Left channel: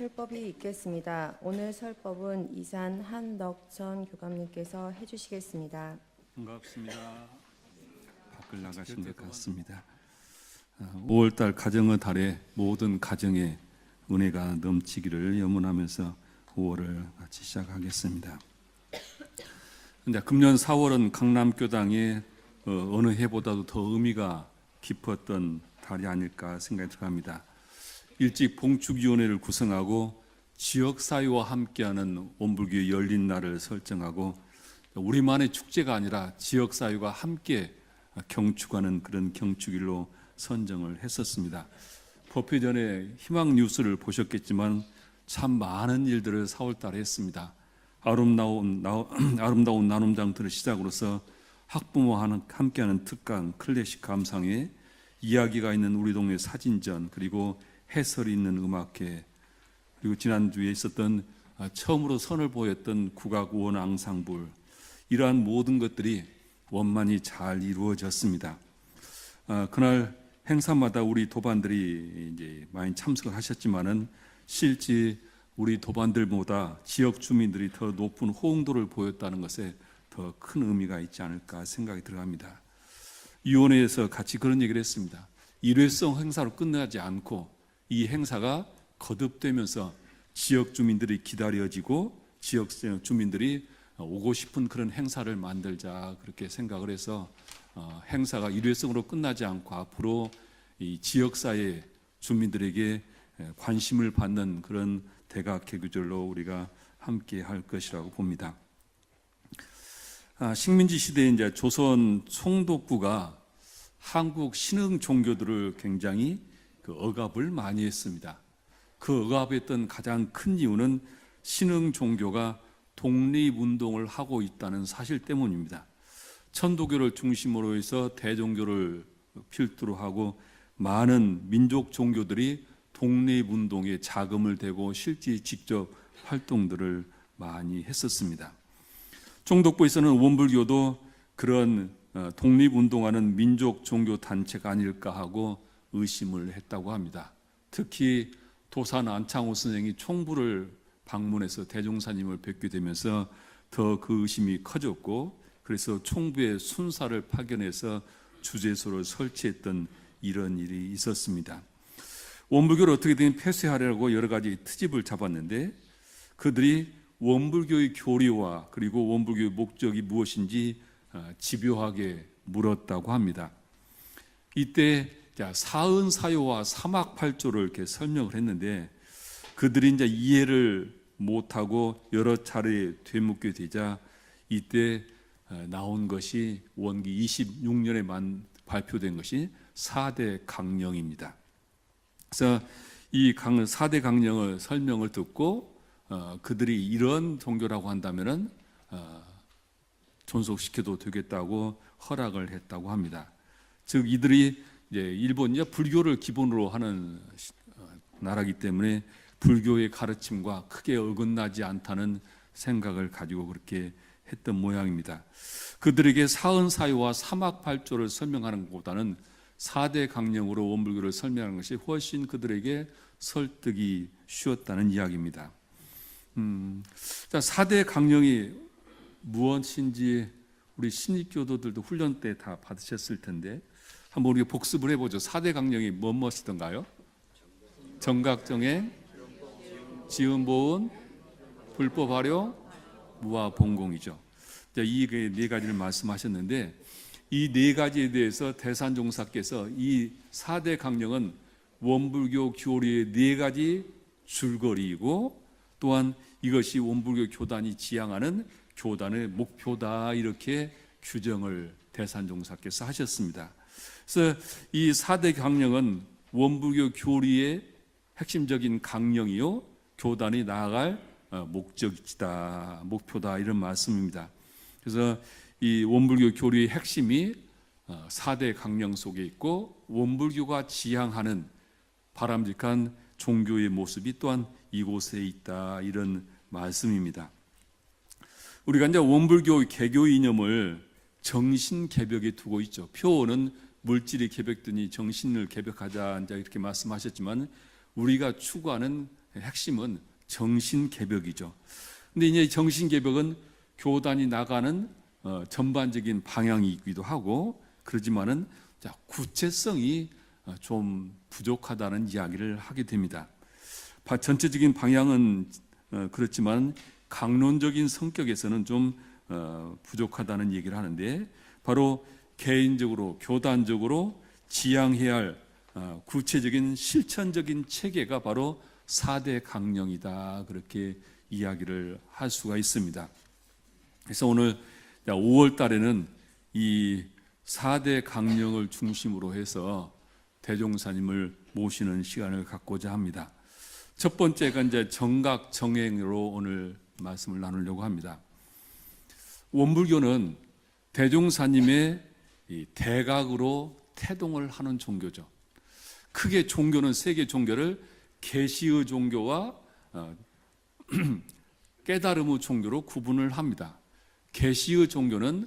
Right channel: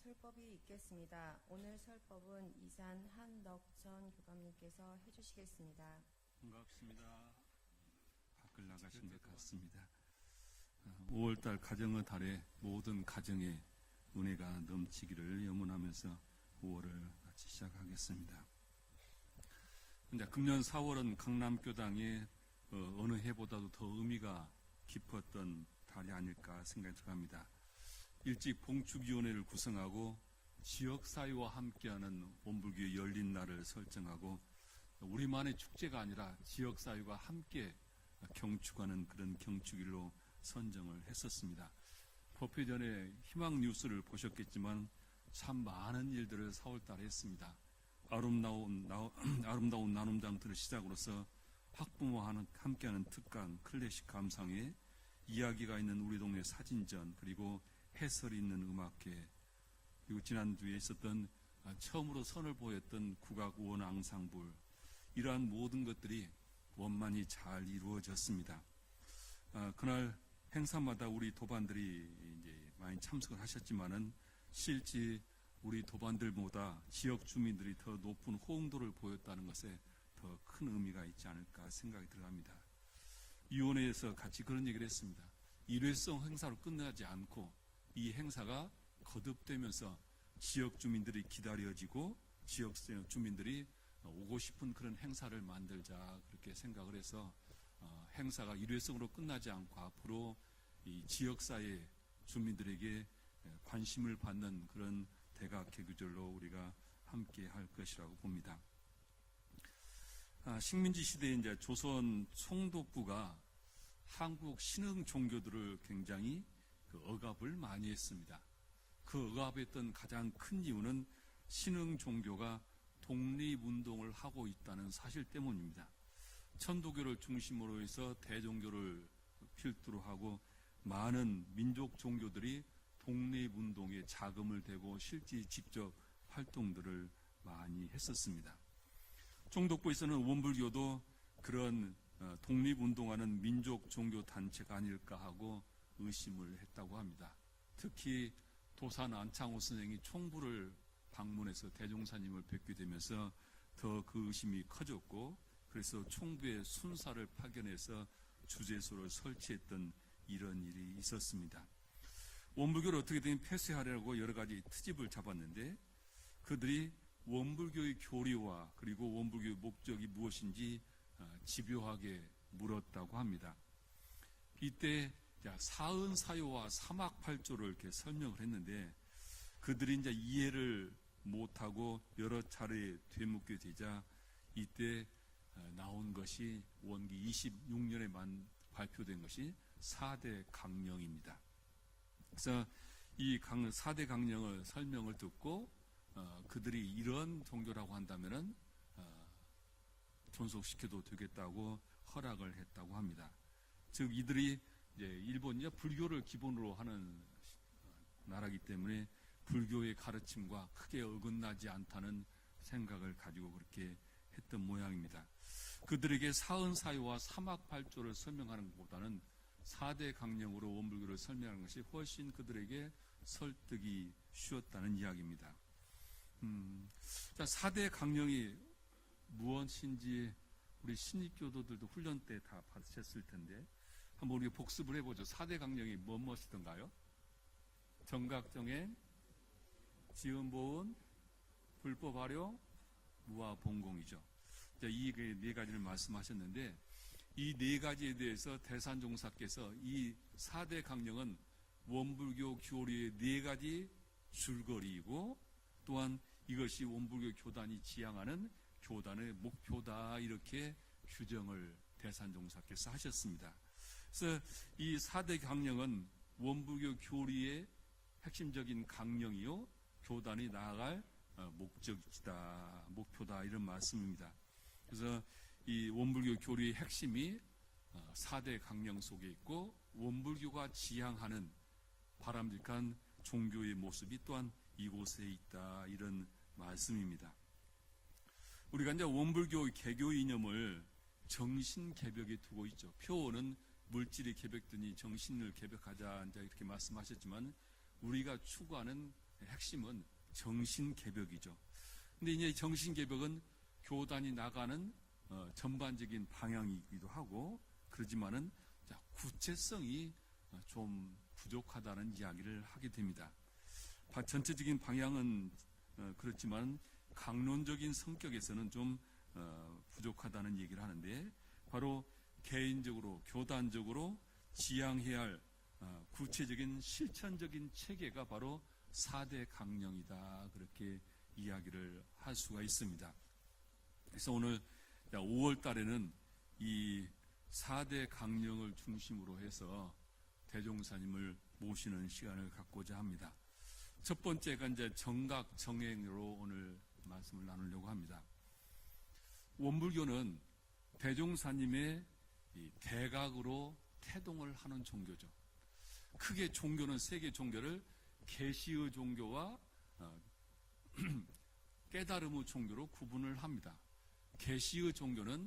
설법이 있겠습니다. 오늘 설법은 이산 한덕천 교감님께서 해주시겠습니다. 반갑습니다. 밖을 나가신 것 같습니다. 5월달 가정의 달에 모든 가정에 은혜가 넘치기를 염원하면서 5월을 같이 시작하겠습니다. 이제 금년 4월은 강남교당의 어느 해보다도 더 의미가 깊었던 달이 아닐까 생각이 들어갑니다. 일찍 봉축위원회를 구성하고 지역사회와 함께하는 원불교의 열린 날을 설정하고 우리만의 축제가 아니라 지역사회가 함께 경축하는 그런 경축일로 선정을 했었습니다. 법회 전에 희망 뉴스를 보셨겠지만 참 많은 일들을 4월달에 했습니다. 아름다운 나눔장터를 시작으로서 학부모와 함께하는 특강, 클래식 감상회, 이야기가 있는 우리 동네 사진전, 그리고 해설이 있는 음악회, 그리고 지난주에 있었던 처음으로 선을 보였던 국악원 앙상블, 이러한 모든 것들이 원만히 잘 이루어졌습니다. 그날 행사마다 우리 도반들이 이제 많이 참석을 하셨지만은 실제 우리 도반들보다 지역 주민들이 더 높은 호응도를 보였다는 것에 더 큰 의미가 있지 않을까 생각이 들어갑니다. 위원회에서 같이 그런 얘기를 했습니다. 일회성 행사로 끝나지 않고 이 행사가 거듭되면서 지역 주민들이 기다려지고 지역 주민들이 오고 싶은 그런 행사를 만들자, 그렇게 생각을 해서 행사가 일회성으로 끝나지 않고 앞으로 이 지역사회 주민들에게 관심을 받는 그런 대각 개교절로 우리가 함께 할 것이라고 봅니다. 식민지 시대에 이제 조선 총독부가 한국 신흥 종교들을 굉장히 억압을 많이 했습니다. 그 억압했던 가장 큰 이유는 신흥 종교가 독립운동을 하고 있다는 사실 때문입니다. 천도교를 중심으로 해서 대종교를 필두로 하고 많은 민족 종교들이 독립운동에 자금을 대고 실제 직접 활동들을 많이 했었습니다. 총독부에서는 원불교도 그런 독립운동하는 민족 종교 단체가 아닐까 하고 의심을 했다고 합니다. 특히 도산 안창호 선생이 총부를 방문해서 대종사님을 뵙게 되면서 더 그 의심이 커졌고, 그래서 총부의 순사를 파견해서 주재소를 설치했던 이런 일이 있었습니다. 원불교를 어떻게든 폐쇄하려고 여러 가지 트집을 잡았는데 그들이 원불교의 교리와 그리고 원불교의 목적이 무엇인지 집요하게 물었다고 합니다. 이때 사은사요와 사막팔조를 이렇게 설명을 했는데 그들이 이제 이해를 못하고 여러 차례 되묻게 되자 이때 나온 것이 원기 26년에 발표된 것이 4대 강령입니다. 그래서 이 4대 강령을 설명을 듣고 그들이 이런 종교라고 한다면은 존속시켜도 되겠다고 허락을 했다고 합니다. 즉 이들이 이제 일본이 불교를 기본으로 하는 나라이기 때문에 불교의 가르침과 크게 어긋나지 않다는 생각을 가지고 그렇게 했던 모양입니다. 그들에게 사은사유와 사막팔조를 설명하는 것보다는 4대 강령으로 원불교를 설명하는 것이 훨씬 그들에게 설득이 쉬웠다는 이야기입니다. 4대 강령이 무엇인지 우리 신입교도들도 훈련 때 다 받으셨을 텐데 한번 우리가 복습을 해보죠. 4대 강령이 무엇이던가요? 정각정행, 지음보은, 불법활용, 무아봉공이죠. 이 네 가지를 말씀하셨는데 이 네 가지에 대해서 대산종사께서 이 4대 강령은 원불교 교리의 네 가지 줄거리이고 또한 이것이 원불교 교단이 지향하는 교단의 목표다, 이렇게 규정을 대산종사께서 하셨습니다. 그래서 이 4대 강령은 원불교 교리의 핵심적인 강령이요 교단이 나아갈 목적이다, 목표다, 이런 말씀입니다. 그래서 이 원불교 교리의 핵심이 4대 강령 속에 있고 원불교가 지향하는 바람직한 종교의 모습이 또한 이곳에 있다, 이런 말씀입니다. 우리가 이제 원불교 개교 이념을 정신 개벽에 두고 있죠. 표어는 물질이 개벽되니 정신을 개벽하자 이제 이렇게 말씀하셨지만 우리가 추구하는 핵심은 정신개벽이죠. 근데 이제 정신개벽은 교단이 나가는 전반적인 방향이기도 하고, 그러지만은 구체성이 좀 부족하다는 이야기를 하게 됩니다. 전체적인 방향은 그렇지만 강론적인 성격에서는 좀 부족하다는 얘기를 하는데, 바로 개인적으로 교단적으로 지향해야 할 구체적인 실천적인 체계가 바로 4대 강령이다, 그렇게 이야기를 할 수가 있습니다. 그래서 오늘 5월 달에는 이 4대 강령을 중심으로 해서 대종사님을 모시는 시간을 갖고자 합니다. 첫 번째가 이제 정각 정행으로 오늘 말씀을 나누려고 합니다. 원불교는 대종사님의 이 대각으로 태동을 하는 종교죠. 크게 종교는 세 개 종교를 계시의 종교와 깨달음의 종교로 구분을 합니다. 계시의 종교는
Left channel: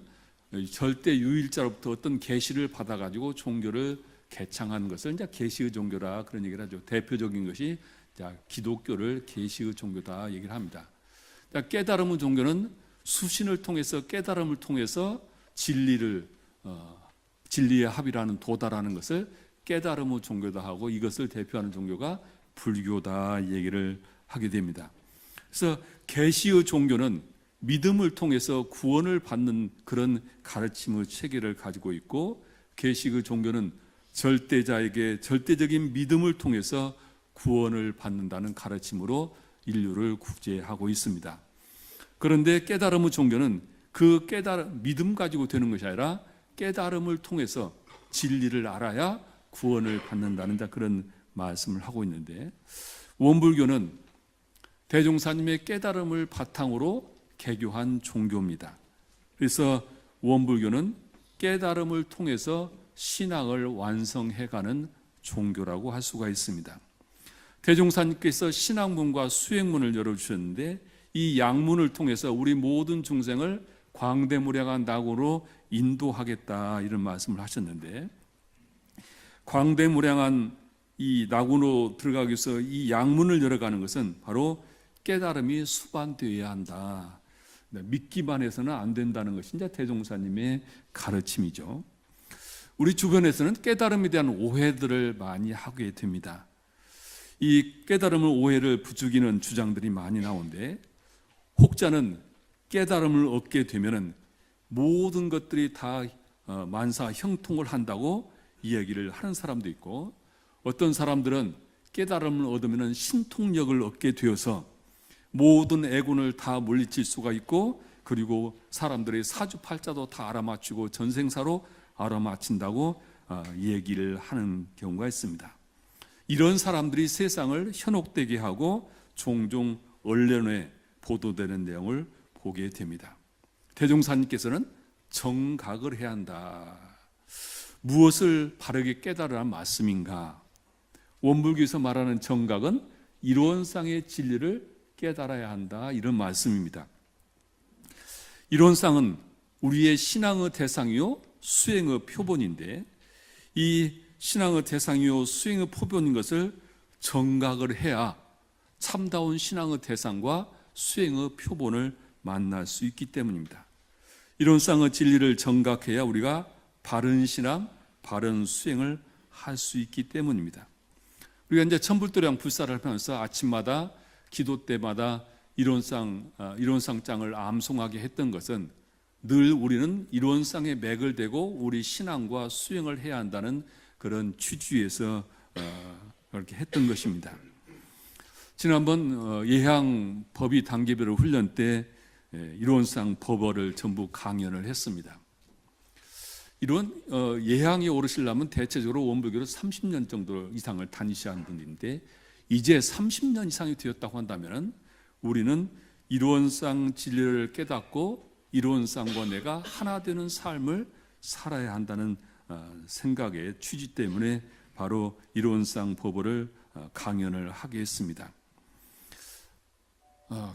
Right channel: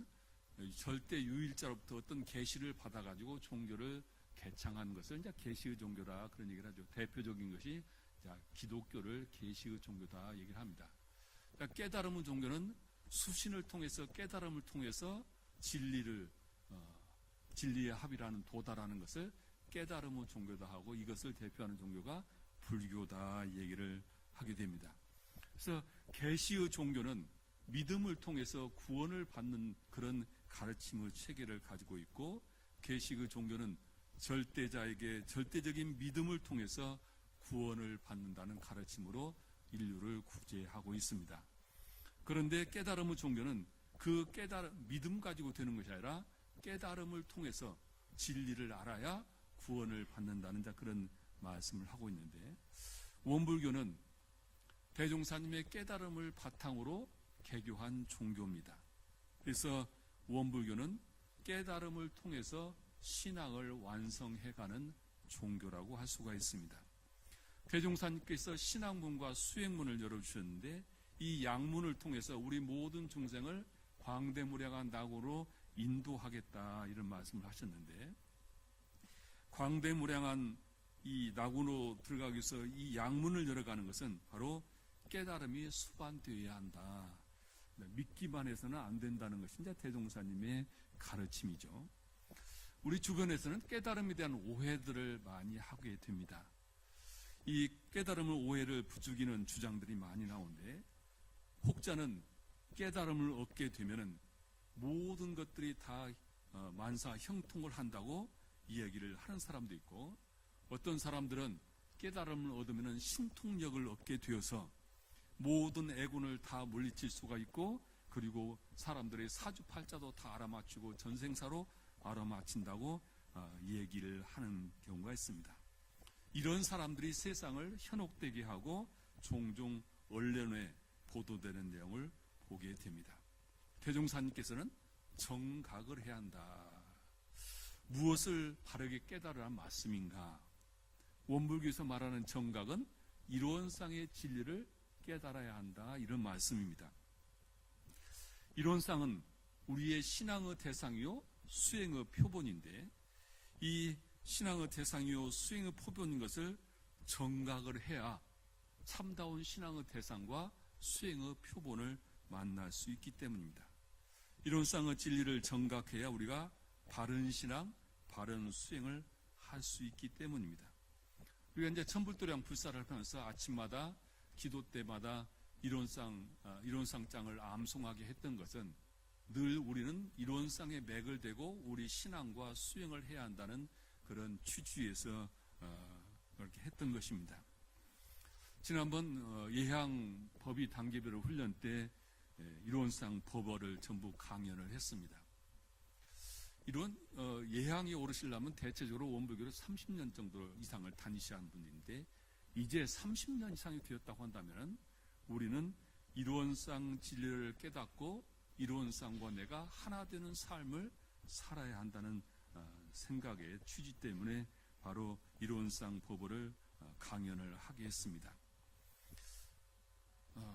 절대 유일자로부터 어떤 계시를 받아가지고 종교를 개창하는 것을 이제 계시의 종교라 그런 얘기를 하죠. 대표적인 것이 기독교를 계시의 종교다 얘기를 합니다. 깨달음의 종교는 수신을 통해서 깨달음을 통해서 진리의 합이라는 도달하는 것을 깨달음의 종교다 하고, 이것을 대표하는 종교가 불교다 얘기를 하게 됩니다. 그래서 계시의 종교는 믿음을 통해서 구원을 받는 그런 가르침의 체계를 가지고 있고, 계시의 종교는 절대자에게 절대적인 믿음을 통해서 구원을 받는다는 가르침으로 인류를 구제하고 있습니다. 그런데 깨달음의 종교는 그 믿음 가지고 되는 것이 아니라 깨달음을 통해서 진리를 알아야 구원을 받는다는 그런 말씀을 하고 있는데, 원불교는 대종사님의 깨달음을 바탕으로 개교한 종교입니다. 그래서 원불교는 깨달음을 통해서 신앙을 완성해가는 종교라고 할 수가 있습니다. 대종사님께서 신앙문과 수행문을 열어주셨는데, 이 양문을 통해서 우리 모든 중생을 광대무량한 낙으로 인도하겠다 이런 말씀을 하셨는데, 광대무량한 이 낙으로 들어가기 위해서 이 양문을 열어가는 것은 바로 깨달음이 수반되어야 한다. 믿기만 해서는 안 된다는 것이 이제 대종사님의 가르침이죠. 우리 주변에서는 깨달음에 대한 오해들을 많이 하게 됩니다. 이 깨달음을 오해를 부추기는 주장들이 많이 나오는데, 혹자는 깨달음을 얻게 되면은 모든 것들이 다 만사 형통을 한다고 이야기를 하는 사람도 있고, 어떤 사람들은 깨달음을 얻으면 신통력을 얻게 되어서 모든 애군을 다 물리칠 수가 있고, 그리고 사람들의 사주팔자도 다 알아맞히고 전생사로 알아맞힌다고 얘기를 하는 경우가 있습니다. 이런 사람들이 세상을 현혹되게 하고 종종 언론에 보도되는 내용을 보게 됩니다. 대종사님께서는 정각을 해야 한다. 무엇을 바르게 깨달으란 말씀인가? 원불교에서 말하는 정각은 이론상의 진리를 깨달아야 한다, 이런 말씀입니다. 이론상은 우리의 신앙의 대상이요 수행의 표본인데, 이 신앙의 대상이요 수행의 표본인 것을 정각을 해야 참다운 신앙의 대상과 수행의 표본을 만날 수 있기 때문입니다. 이론상의 진리를 정각해야 우리가 바른 신앙, 바른 수행을 할 수 있기 때문입니다. 우리가 이제 천불도량 불사를 하면서 아침마다 기도 때마다 이론상장을 암송하게 했던 것은 늘 우리는 이론상에 맥을 대고 우리 신앙과 수행을 해야 한다는 그런 취지에서 그렇게 했던 것입니다. 지난번 예향 법의 단계별 훈련 때 이론상 법어를 전부 강연을 했습니다. 이런 예향에 오르시려면 대체적으로 원불교를 30년 정도 이상을 다니셔야 하는 분인데, 이제 30년 이상이 되었다고 한다면 우리는 이론상 진리를 깨닫고 이론상과 내가 하나 되는 삶을 살아야 한다는 생각의 취지 때문에 바로 이론상 법어를 강연을 하게 했습니다.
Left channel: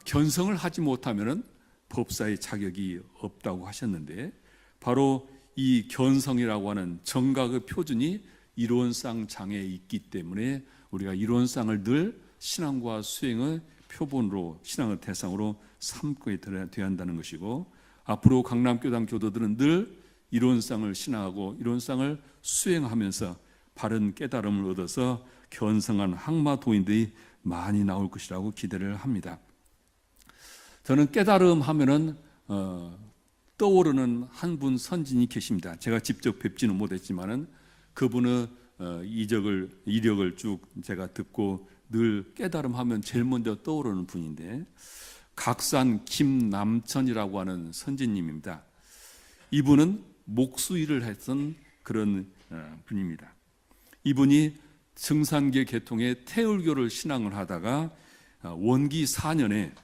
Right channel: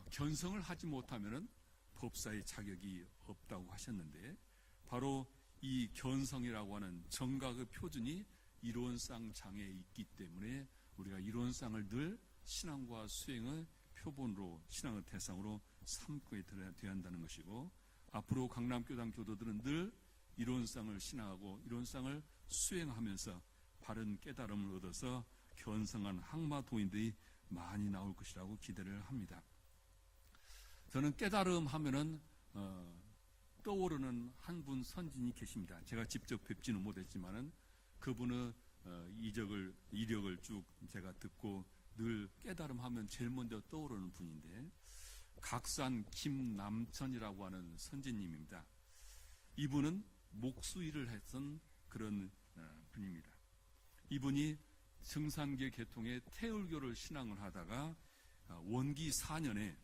견성을 하지 못하면 법사의 자격이 없다고 하셨는데, 바로 이 견성이라고 하는 정각의 표준이 이론상 장에 있기 때문에 우리가 이론상을 늘 신앙과 수행의 표본으로 신앙의 대상으로 삼고 되어야 한다는 것이고, 앞으로 강남교당 교도들은 늘 이론상을 신앙하고 이론상을 수행하면서 바른 깨달음을 얻어서 견성한 항마도인들이 많이 나올 것이라고 기대를 합니다. 저는 깨달음 하면은 떠오르는 한 분 선진이 계십니다. 제가 직접 뵙지는 못했지만은 그분의 이력을 쭉 제가 듣고 늘 깨달음 하면 제일 먼저 떠오르는 분인데, 각산 김남천이라고 하는 선진님입니다. 이분은 목수일을 했던 그런 분입니다. 이분이 증산계 계통의 태울교를 신앙을 하다가 원기 4년에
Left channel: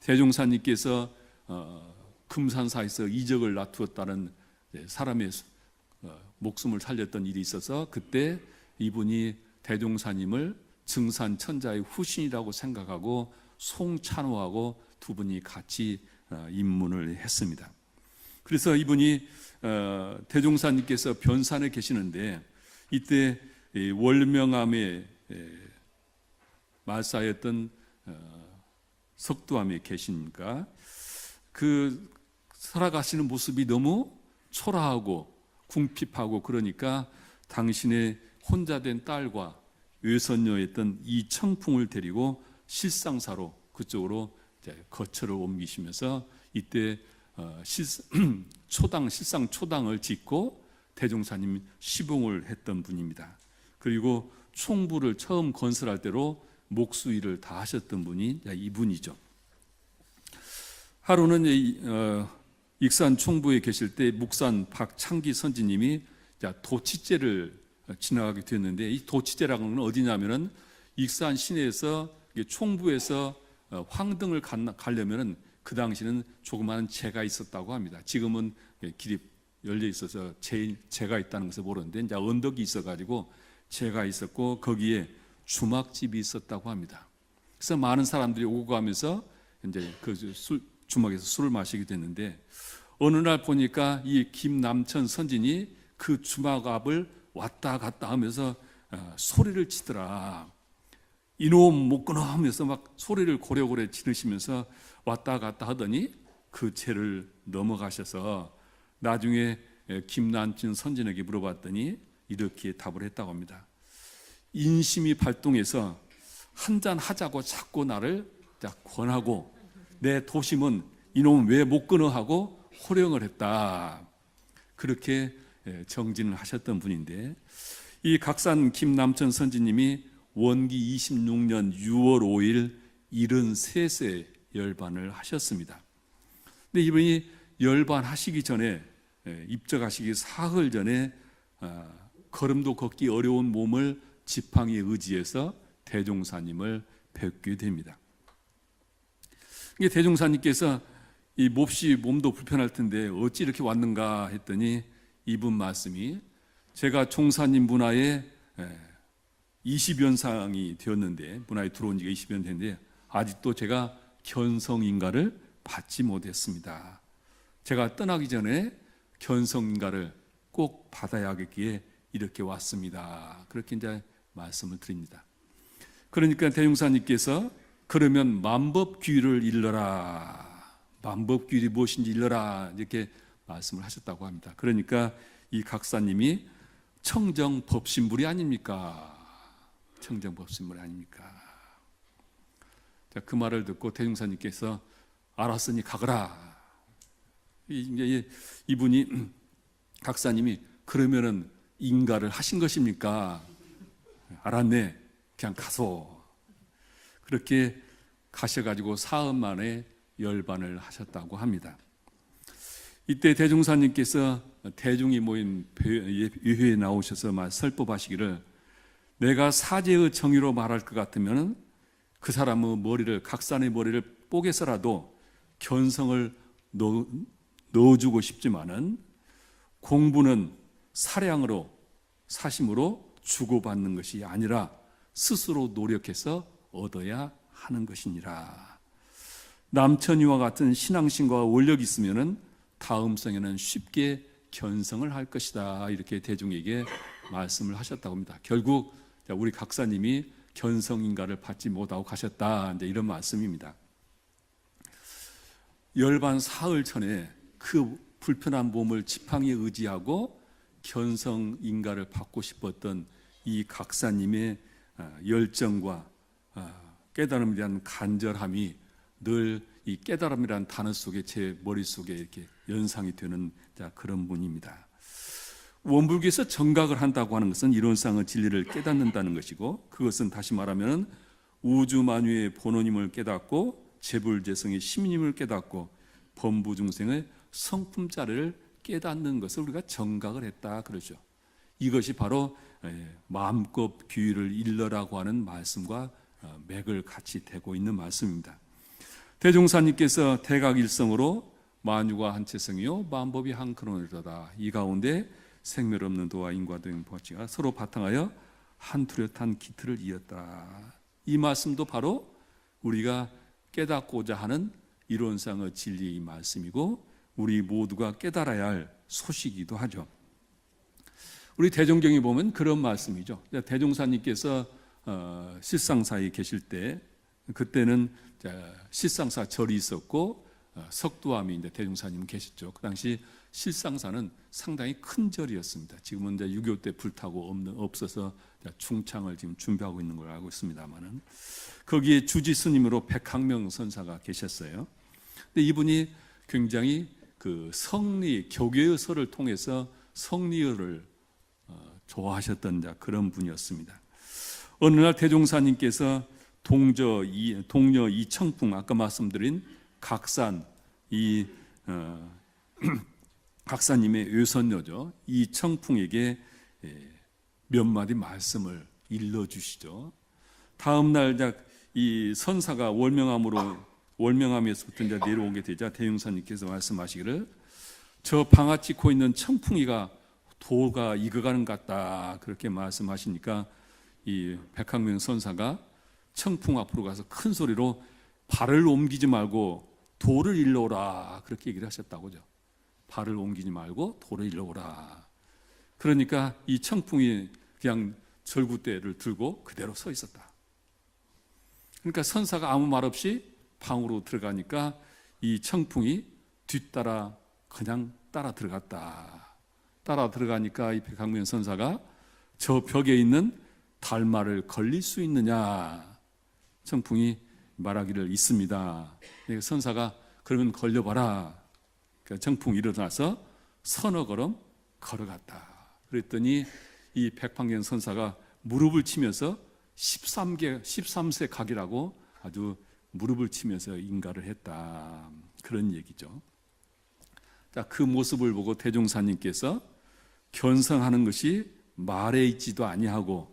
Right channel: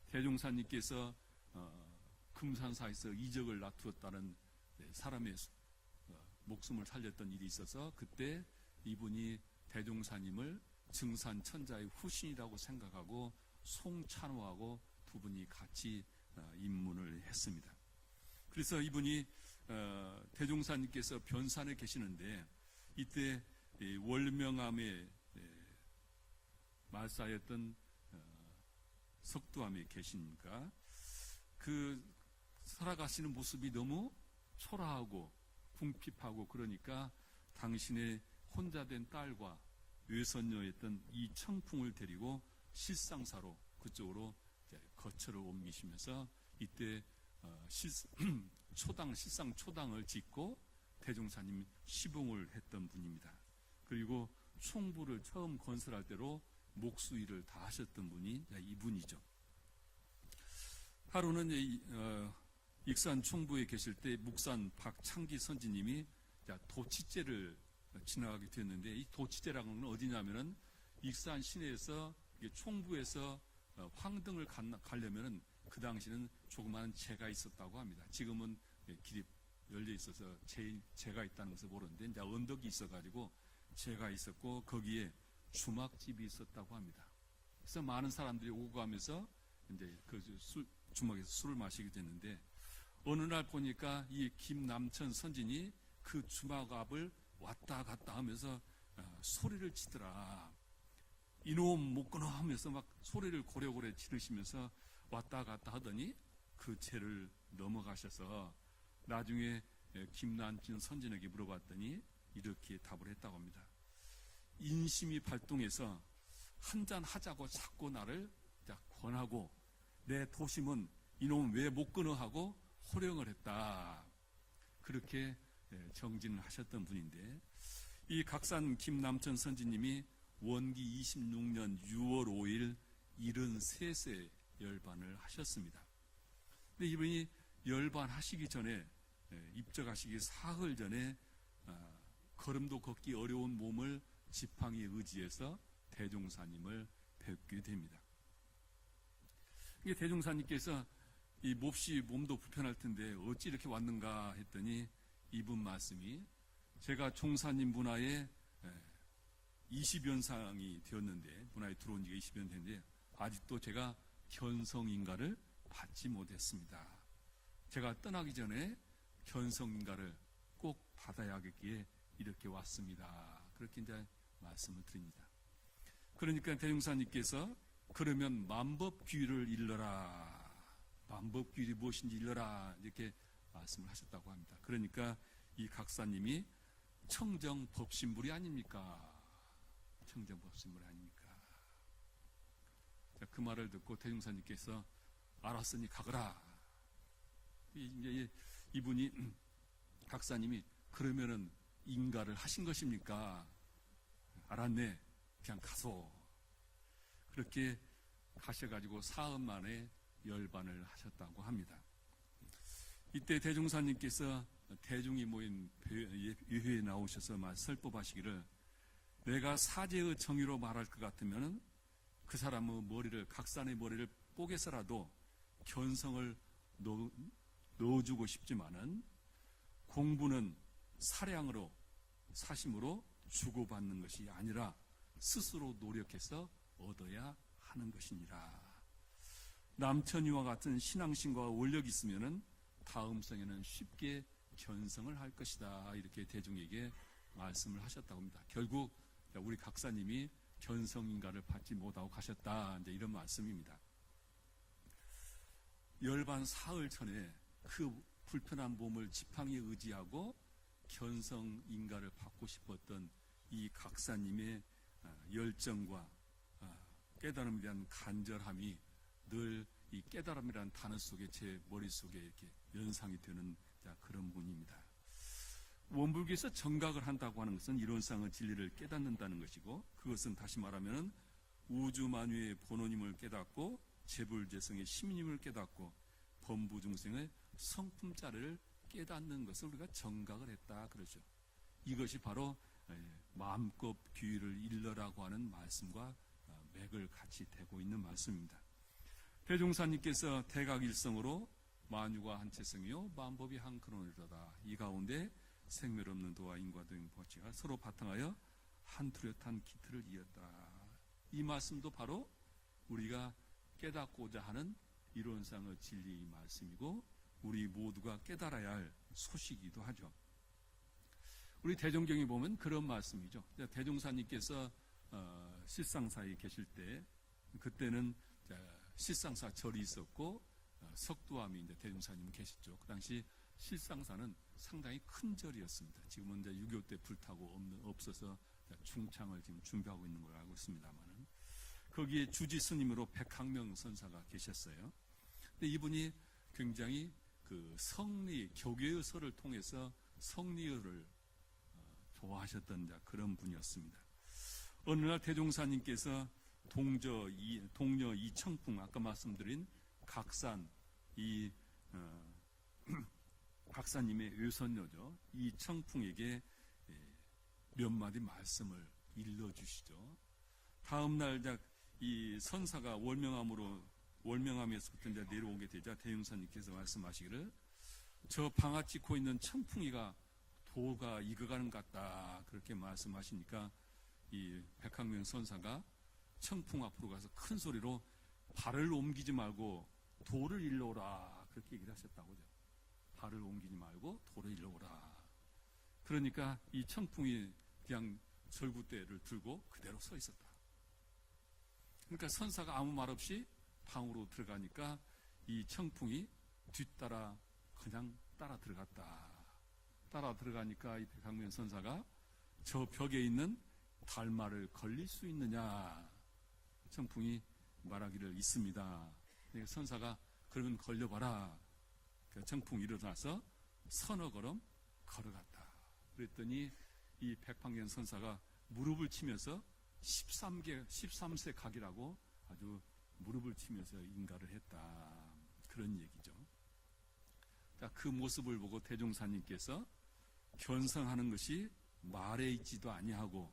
대종사님께서 금산사에서 이적을 나투었다는 사람의 목숨을 살렸던 일이 있어서, 그때 이분이 대종사님을 증산천자의 후신이라고 생각하고 송찬호하고 두 분이 같이 입문을 했습니다. 그래서 이분이 대종사님께서 변산에 계시는데, 이때 월명암에 말사였던 석두암에 계시니까 그 살아가시는 모습이 너무 초라하고 궁핍하고, 그러니까 당신의 혼자 된 딸과 외손녀였던 이청풍을 데리고 실상사로 그쪽으로 거처를 옮기시면서 이때 실상 초당을 짓고 대종사님 시봉을 했던 분입니다. 그리고 총부를 처음 건설할 때로 목수일을 다 하셨던 분이 이분이죠. 하루는 익산 총부에 계실 때 묵산 박창기 선지님이 도치제를 지나가게 됐는데, 이 도치제라는 건 어디냐면은 익산 시내에서 총부에서 황등을 가려면은 그 당시는 조그마한 제가 있었다고 합니다. 지금은 길이 열려 있어서 제가 있다는 것을 모르는데, 이제 언덕이 있어가지고 제가 있었고 거기에 주막집이 있었다고 합니다. 그래서 많은 사람들이 오고 가면서 이제 그 주막에서 술을 마시게 됐는데, 어느 날 보니까 이 김남천 선진이 그 주막 앞을 왔다 갔다 하면서 소리를 치더라. 이놈 못 끊어 하면서 막 소리를 고래고래 지르시면서 왔다 갔다 하더니 그 죄를 넘어가셔서 나중에 김남천 선진에게 물어봤더니 이렇게 답을 했다고 합니다. 인심이 발동해서 한잔 하자고 자꾸 나를 권하고, 내 도심은 이놈 왜 못 끊어 하고 호령을 했다. 그렇게 정진을 하셨던 분인데, 이 각산 김남천 선지님이 원기 26년 6월 5일 73세 열반을 하셨습니다. 근데 이분이 열반하시기 전에, 입적하시기 사흘 전에 걸음도 걷기 어려운 몸을 지팡이에 의지해서 대종사님을 뵙게 됩니다. 이게 대종사님께서 이 몹시 몸도 불편할 텐데 어찌 이렇게 왔는가 했더니, 이분 말씀이 제가 종사님 문화에 20연상이 되었는데, 문화에 들어온 지가 20년 됐는데 아직도 제가 견성인가를 받지 못했습니다. 제가 떠나기 전에 견성인가를 꼭 받아야겠기에 이렇게 왔습니다. 그렇게 이제 말씀을 드립니다. 그러니까 대종사님께서 그러면 만법규를 일러라, 만법규율이 무엇인지 일러라, 이렇게 말씀을 하셨다고 합니다. 그러니까 이 각사님이 청정법신물이 아닙니까? 청정법신물이 아닙니까? 자, 그 말을 듣고 대종사님께서 알았으니 가거라. 이분이 각사님이 그러면은 인가를 하신 것입니까? 알았네. 그냥 가소. 그렇게 가셔가지고 사흘 만에 열반을 하셨다고 합니다. 이때 대종사님께서 대중이 모인 예회에 나오셔서 설법하시기를, 내가 사제의 정의로 말할 것 같으면 그 사람의 머리를, 각산의 머리를 뽀개서라도 견성을 넣어주고 싶지만은 공부는 사량으로, 사심으로 주고받는 것이 아니라 스스로 노력해서 얻어야 하는 것이니라. 남천이와 같은 신앙심과 원력이 있으면은 다음 생에는 쉽게 견성을 할 것이다. 이렇게 대중에게 말씀을 하셨다고 합니다. 결국 우리 각사님이 견성인가를 받지 못하고 가셨다. 이제 이런 말씀입니다. 열반 사흘 전에 그 불편한 몸을 지팡이에 의지하고 견성인가를 받고 싶었던 이 각사님의 열정과 깨달음에 대한 간절함이 늘 이 깨달음이라는 단어 속에 제 머릿속에 이렇게 연상이 되는 그런 분입니다. 원불교에서 정각을 한다고 하는 것은 이론상의 진리를 깨닫는다는 것이고, 그것은 다시 말하면 우주 만유의 본원임을 깨닫고 재불재성의 심임을 깨닫고 범부중생의 성품자를 깨닫는 것을 우리가 정각을 했다 그러죠. 이것이 바로 마음껏 귀를 일러라고 하는 말씀과 맥을 같이 대고 있는 말씀입니다. 대종사님께서 대각일성으로 만유가 한체성이요 만법이 한 근원이로다. 이 가운데 생멸 없는 도와 인과 등 법치가 서로 바탕하여 한 뚜렷한 기틀을 이었다. 이 말씀도 바로 우리가 깨닫고자 하는 이론상의 진리의 말씀이고 우리 모두가 깨달아야 할 소식이기도 하죠. 우리 대종경에 보면 그런 말씀이죠. 대종사님께서 실상사에 계실 때, 그때는 실상사 절이 있었고 석두암이 대종사님 계셨죠. 그 당시 실상사는 상당히 큰 절이었습니다. 지금은 이제 6.25 때 불타고 없어서 중창을 지금 준비하고 있는 걸 알고 있습니다만은, 거기에 주지 스님으로 백학명 선사가 계셨어요. 근데 이분이 굉장히 그 성리 교계의 설을 통해서 성리를 좋아하셨던 그런 분이었습니다. 어느 날 대종사님께서 동녀 이청풍, 아까 말씀드린 각산, 이 각사님의 외손녀죠, 이청풍에게 몇 마디 말씀을 일러주시죠. 다음 날 이 선사가 월명함에서부터 이제 내려오게 되자 대종사님께서 말씀하시기를, 저 방아 찍고 있는 청풍이가 도가 익어가는 것 같다, 그렇게 말씀하시니까 이 백학명 선사가 청풍 앞으로 가서 큰 소리로 발을 옮기지 말고 도를 일러오라, 그렇게 얘기를 하셨다고죠. 발을 옮기지 말고 도를 일러오라. 그러니까 이 청풍이 그냥 절구대를 들고 그대로 서 있었다. 그러니까 선사가 아무 말 없이 방으로 들어가니까 이 청풍이 뒤따라 그냥 따라 들어갔다. 따라 들어가니까 이 백학명 선사가 저 벽에 있는 달마를 걸릴 수 있느냐, 청풍이 말하기를 있습니다. 선사가 그러면 걸려봐라. 그러니까 청풍이 일어나서 서너 걸음 걸어갔다. 그랬더니 이 백학명 선사가 무릎을 치면서 13세 각이라고 아주 무릎을 치면서 인가를 했다, 그런 얘기죠. 자, 그 모습을 보고 대종사님께서 견성하는 것이 말에 있지도 아니하고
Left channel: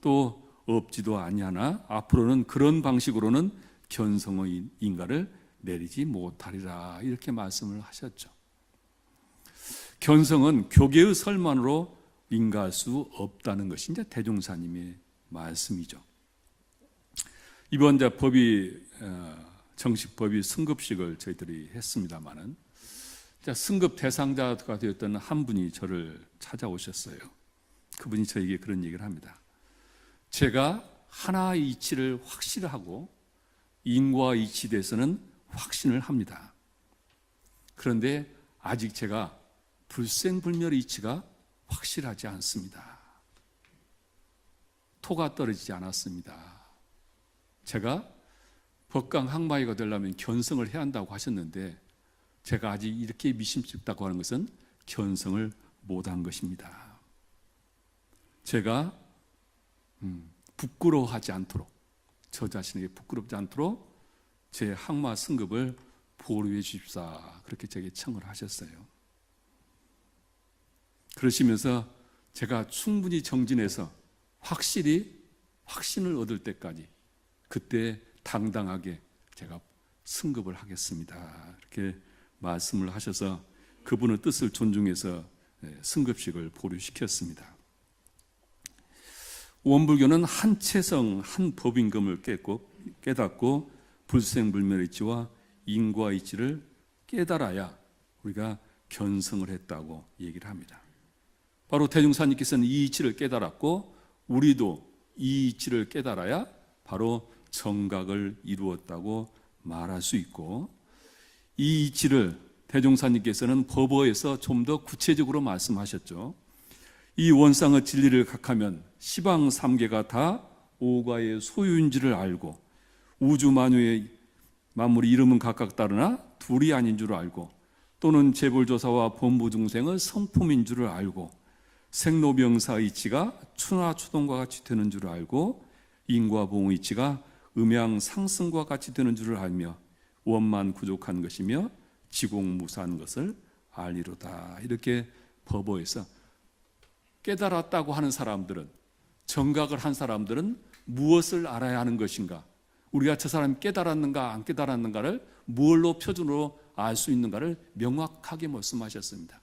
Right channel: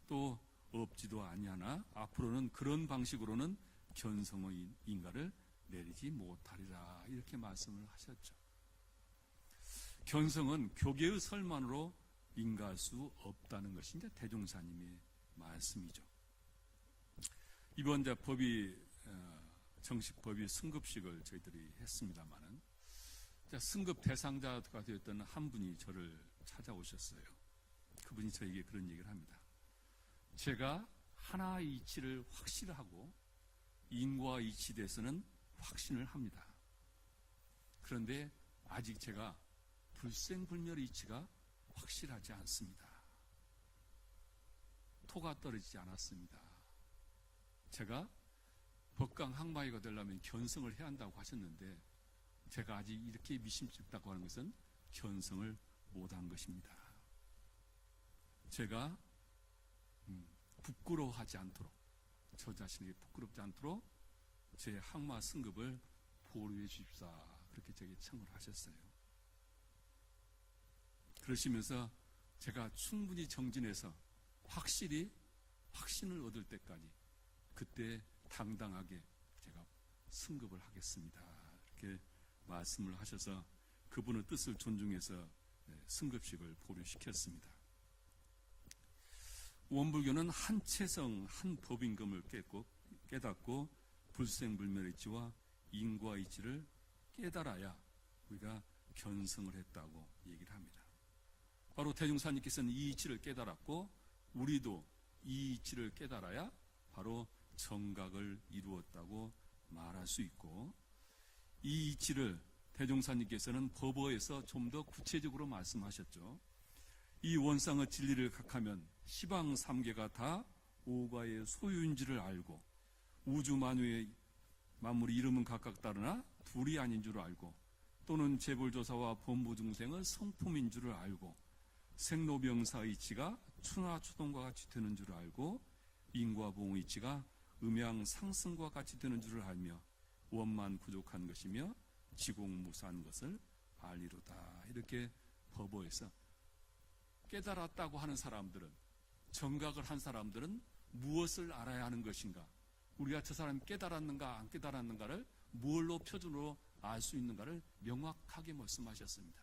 또 없지도 아니하나 앞으로는 그런 방식으로는 견성의 인가를 내리지 못하리라, 이렇게 말씀을 하셨죠. 견성은 교계의 설만으로 인가할 수 없다는 것이 이제 대종사님의 말씀이죠. 이번 정식 법이 승급식을 저희들이 했습니다만은, 승급 대상자가 되었던 한 분이 저를 찾아오셨어요. 그분이 저에게 그런 얘기를 합니다. 제가 하나의 이치를 확실하고 인과 이치에 대해서는 확신을 합니다. 그런데 아직 제가 불생불멸의 이치가 확실하지 않습니다. 토가 떨어지지 않았습니다. 제가 법강 항마이가 되려면 견성을 해야 한다고 하셨는데 제가 아직 이렇게 미심쩍다고 하는 것은 견성을 못한 것입니다. 제가 부끄러워하지 않도록, 저 자신에게 부끄럽지 않도록 제 항마 승급을 보류해 주십사, 그렇게 제게 청을 하셨어요. 그러시면서 제가 충분히 정진해서 확신을 얻을 때까지 그때 당당하게 제가 승급을 하겠습니다, 이렇게 말씀을 하셔서 그분의 뜻을 존중해서 승급식을 보류시켰습니다. 원불교는 한체성 한 법임금을 깨닫고 불생불멸이치와 인과이치를 깨달아야 우리가 견성을 했다고 얘기를 합니다. 바로 대종사님께서는 이 이치를 깨달았고 우리도 이 이치를 깨달아야 바로 정각을 이루었다고 말할 수 있고, 이 이치를 대종사님께서는 법어에서 좀 더 구체적으로 말씀하셨죠. 이 원상의 진리를 각하면 시방 삼계가 다 오가의 소유인지를 알고, 우주 만유의 만물이 이름은 각각 다르나 둘이 아닌 줄 알고, 또는 재벌조사와 범부중생의 성품인 줄을 알고, 생로병사의 이치가 추나 추동과 같이 되는 줄을 알고, 인과 봉의 이치가 음양 상승과 같이 되는 줄을 알며, 원만 구족한 것이며 지공무사한 것을 알리로다. 이렇게 법어에서 깨달았다고 하는 사람들은, 정각을 한 사람들은 무엇을 알아야 하는 것인가, 우리가 저 사람이 깨달았는가 안 깨달았는가를 무엇로 표준으로 알 수 있는가를 명확하게 말씀하셨습니다.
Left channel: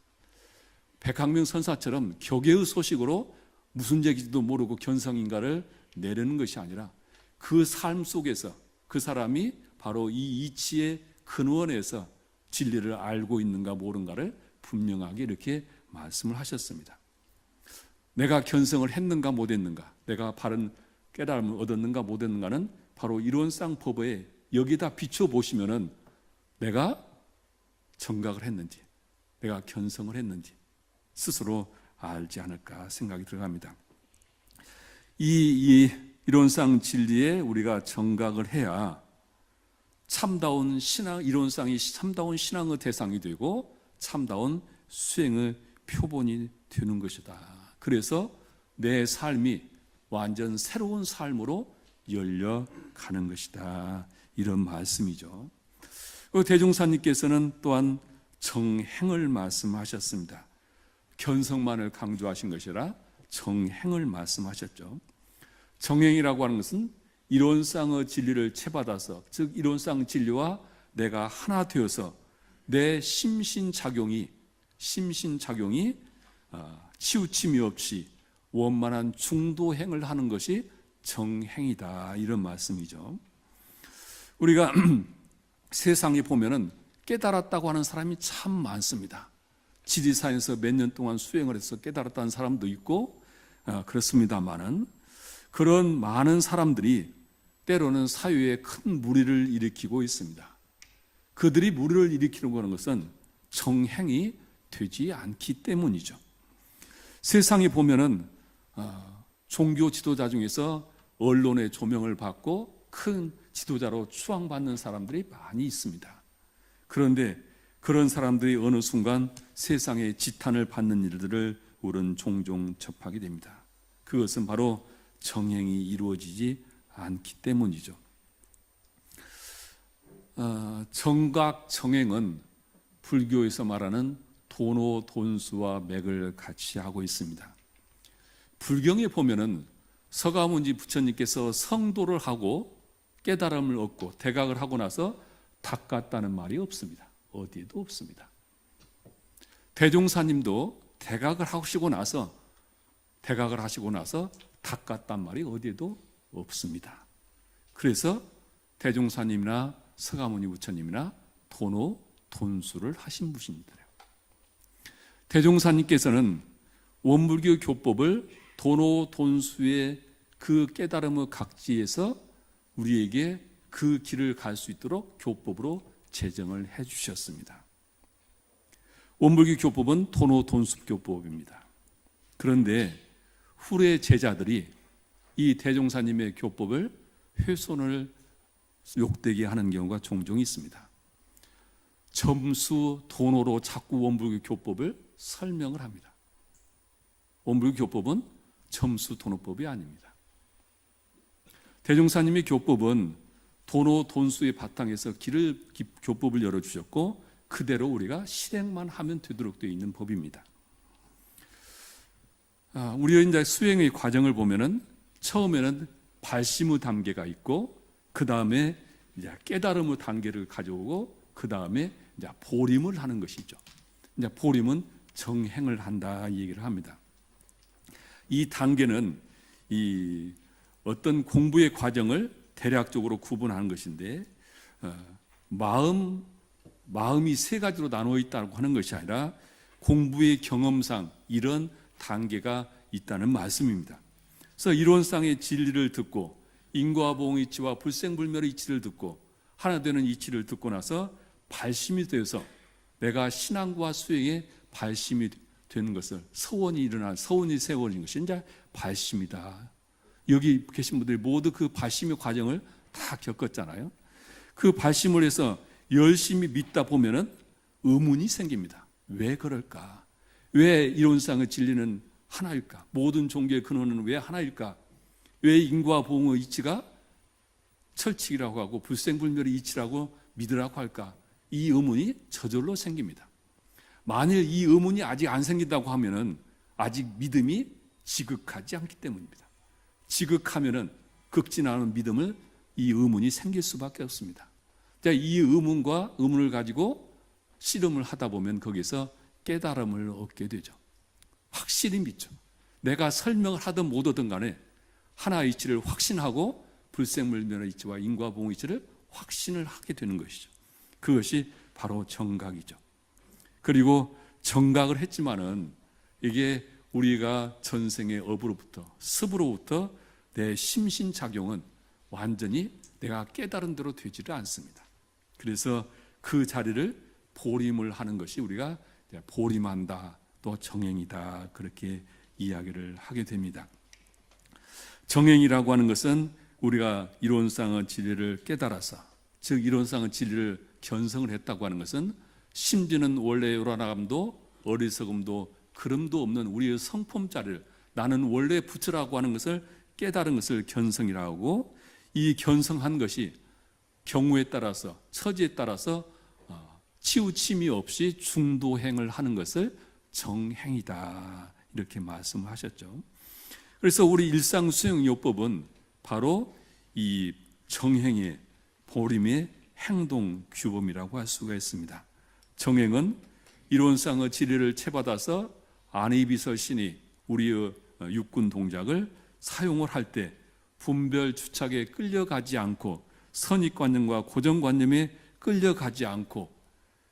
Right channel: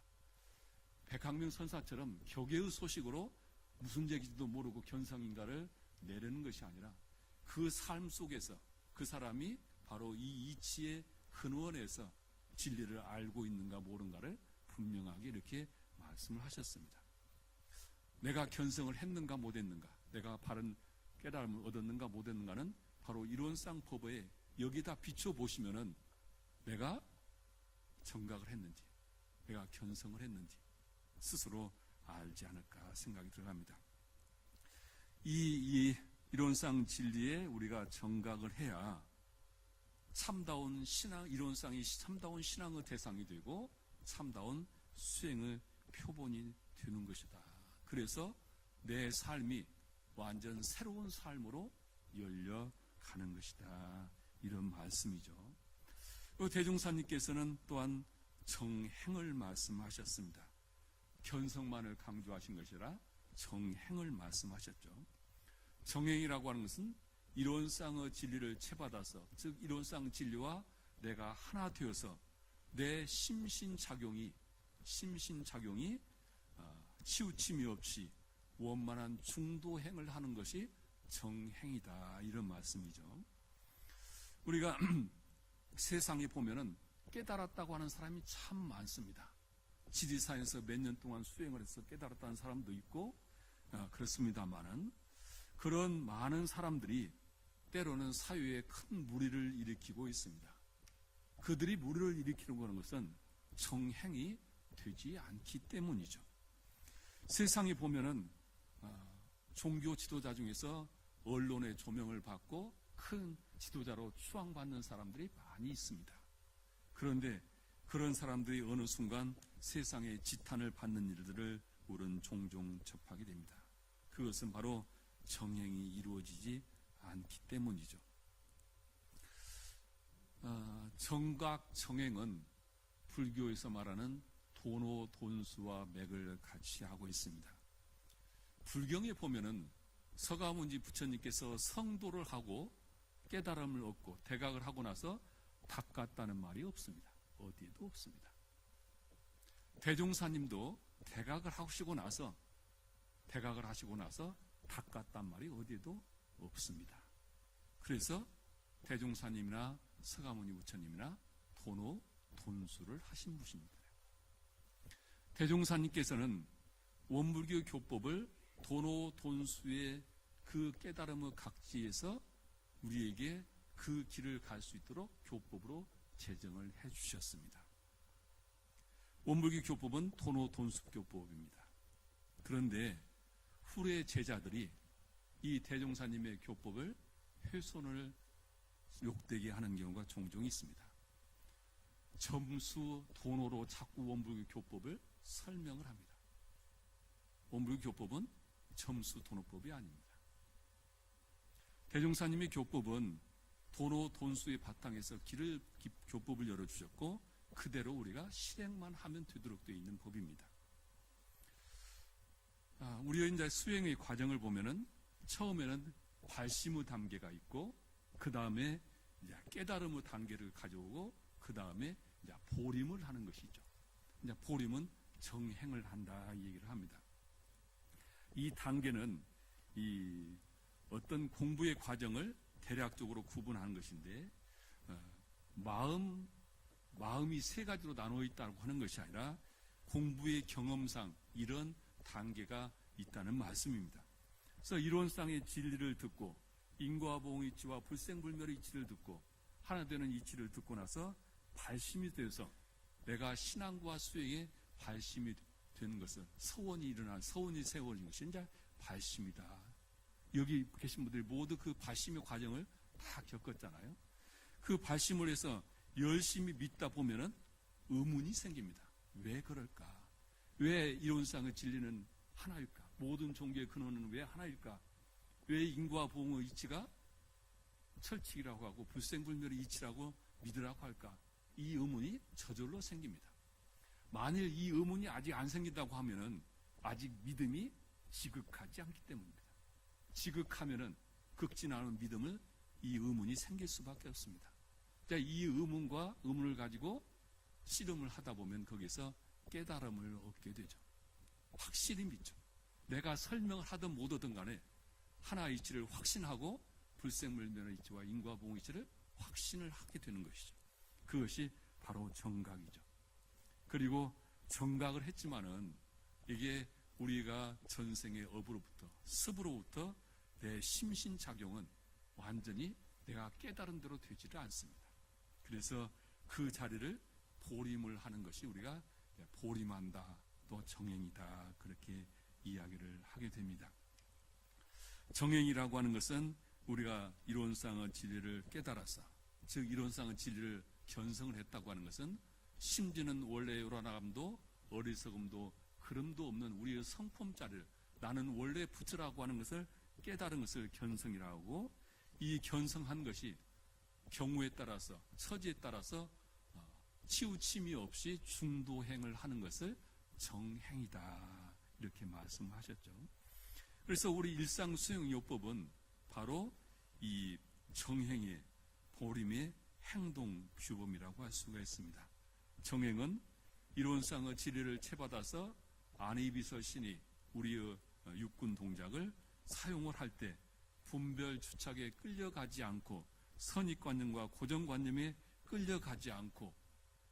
백학명 선사처럼 격의 소식으로 무슨 얘기지도 모르고 견성인가를 내려는 것이 아니라, 그 삶 속에서 그 사람이 바로 이 이치의 근원에서 진리를 알고 있는가 모르는가를 분명하게 이렇게 말씀을 하셨습니다. 내가 견성을 했는가 못했는가, 내가 바른 깨달음을 얻었는가 못했는가는 바로 이론상 법에 여기다 비춰보시면은 내가 정각을 했는지, 내가 견성을 했는지 스스로 알지 않을까 생각이 들어갑니다. 이 이론상 진리에 우리가 정각을 해야 참다운 신앙, 이론상이 참다운 신앙의 대상이 되고 참다운 수행의 표본이 되는 것이다. 그래서 내 삶이 완전 새로운 삶으로 열려가는 것이다. 이런 말씀이죠. 대종사님께서는 또한 정행을 말씀하셨습니다. 견성만을 강조하신 것이라 정행을 말씀하셨죠. 정행이라고 하는 것은 이론상의 진리를 채받아서, 즉 이론상 진리와 내가 하나 되어서 내 심신작용이 치우침이 없이 원만한 중도행을 하는 것이 정행이다. 이런 말씀이죠. 우리가 세상에 보면은 깨달았다고 하는 사람이 참 많습니다. 지리산에서 몇 년 동안 수행을 해서 깨달았다는 사람도 있고 그렇습니다만은, 그런 많은 사람들이 때로는 사회에 큰 무리를 일으키고 있습니다. 그들이 무리를 일으키는 것은 정행이 되지 않기 때문이죠. 세상에 보면은 종교 지도자 중에서 언론의 조명을 받고 큰 지도자로 추앙받는 사람들이 많이 있습니다. 그런데 그런 사람들이 어느 순간 세상의 지탄을 받는 일들을 우리는 종종 접하게 됩니다. 그것은 바로 정행이 이루어지지 않기 때문이죠. 정각 정행은 불교에서 말하는 도노 돈수와 맥을 같이 하고 있습니다. 불경에 보면은 서가모니 부처님께서 성도를 하고 깨달음을 얻고 대각을 하고 나서 닦았다는 말이 없습니다. 어디에도 없습니다. 대종사님도 대각을 하시고 나서 닦았단 말이 어디에도 없습니다. 그래서 대종사님이나 서가모니 부처님이나 도노 돈수를 하신 분입니다. 대종사님께서는 원불교 교법을 도노 돈수의 그 깨달음의 각지에서 우리에게 그 길을 갈 수 있도록 교법으로 제정을 해 주셨습니다. 원불교 교법은 도노 돈수 교법입니다. 그런데 후래 제자들이 이 대종사님의 교법을 훼손을 욕되게 하는 경우가 종종 있습니다. 점수 도노로 자꾸 원불교 교법을 설명을 합니다. 원불교 교법은 점수 도노법이 아닙니다. 대종사님의 교법은 도노 돈수의 바탕에서 교법을 열어주셨고 그대로 우리가 실행만 하면 되도록 되어 있는 법입니다. 우리가 이제 수행의 과정을 보면은 처음에는 발심의 단계가 있고 그 다음에 이제 깨달음의 단계를 가져오고 그 다음에 이제 보림을 하는 것이죠. 이제 보림은 정행을 한다 이 얘기를 합니다. 이 단계는 이 어떤 공부의 과정을 대략적으로 구분하는 것인데 마음이 세 가지로 나누어 있다고 하는 것이 아니라 공부의 경험상 이런 단계가 있다는 말씀입니다. 그래서 이론상의 진리를 듣고 인과 보응의 이치와 불생불멸의 이치를 듣고 하나 되는 이치를 듣고 나서 발심이 되어서 내가 신앙과 수행에 발심이 되는 것을 서원이 세워진 것이 이제 발심이다. 여기 계신 분들이 모두 그 발심의 과정을 다 겪었잖아요. 그 발심을 해서 열심히 믿다 보면은 의문이 생깁니다. 왜 그럴까? 왜 이론상의 진리는 하나일까? 모든 종교의 근원은 왜 하나일까? 왜 인과 보응의 이치가 철칙이라고 하고 불생불멸의 이치라고 믿으라고 할까? 이 의문이 저절로 생깁니다. 만일 이 의문이 아직 안 생긴다고 하면은 아직 믿음이 지극하지 않기 때문입니다. 지극하면은 극진하는 믿음을 이 의문이 생길 수밖에 없습니다. 이 의문을 가지고 씨름을 하다 보면 거기서 깨달음을 얻게 되죠. 확실히 믿죠. 내가 설명을 하든 못 하든 간에 하나의 이치를 확신하고 불생불멸의 이치와 인과보응의 이치를 확신을 하게 되는 것이죠. 그것이 바로 정각이죠. 그리고 정각을 했지만은 이게 우리가 전생의 업으로부터 습으로부터 내 심신작용은 완전히 내가 깨달은 대로 되지를 않습니다. 그래서 그 자리를 보림을 하는 것이 우리가 보림한다, 또 정행이다, 그렇게 이야기를 하게 됩니다. 정행이라고 하는 것은 우리가 이론상의 진리를 깨달아서, 즉 이론상의 진리를 견성을 했다고 하는 것은 심지는 원래 요란함도 어리석음도 그름도 없는 우리의 성품자를 나는 원래 부처라고 하는 것을 깨달은 것을 견성이라고 하고, 이 견성한 것이 경우에 따라서 처지에 따라서 치우침이 없이 중도행을 하는 것을 정행이다, 이렇게 말씀하셨죠. 그래서 우리 일상수행요법은 바로 이 정행의 보림의 행동 규범이라고 할 수가 있습니다. 정행은 이론상의 진리를 채받아서 안이비설신이 우리의 육군 동작을 사용을 할 때 분별 주착에 끌려가지 않고 선입관념과 고정관념에 끌려가지 않고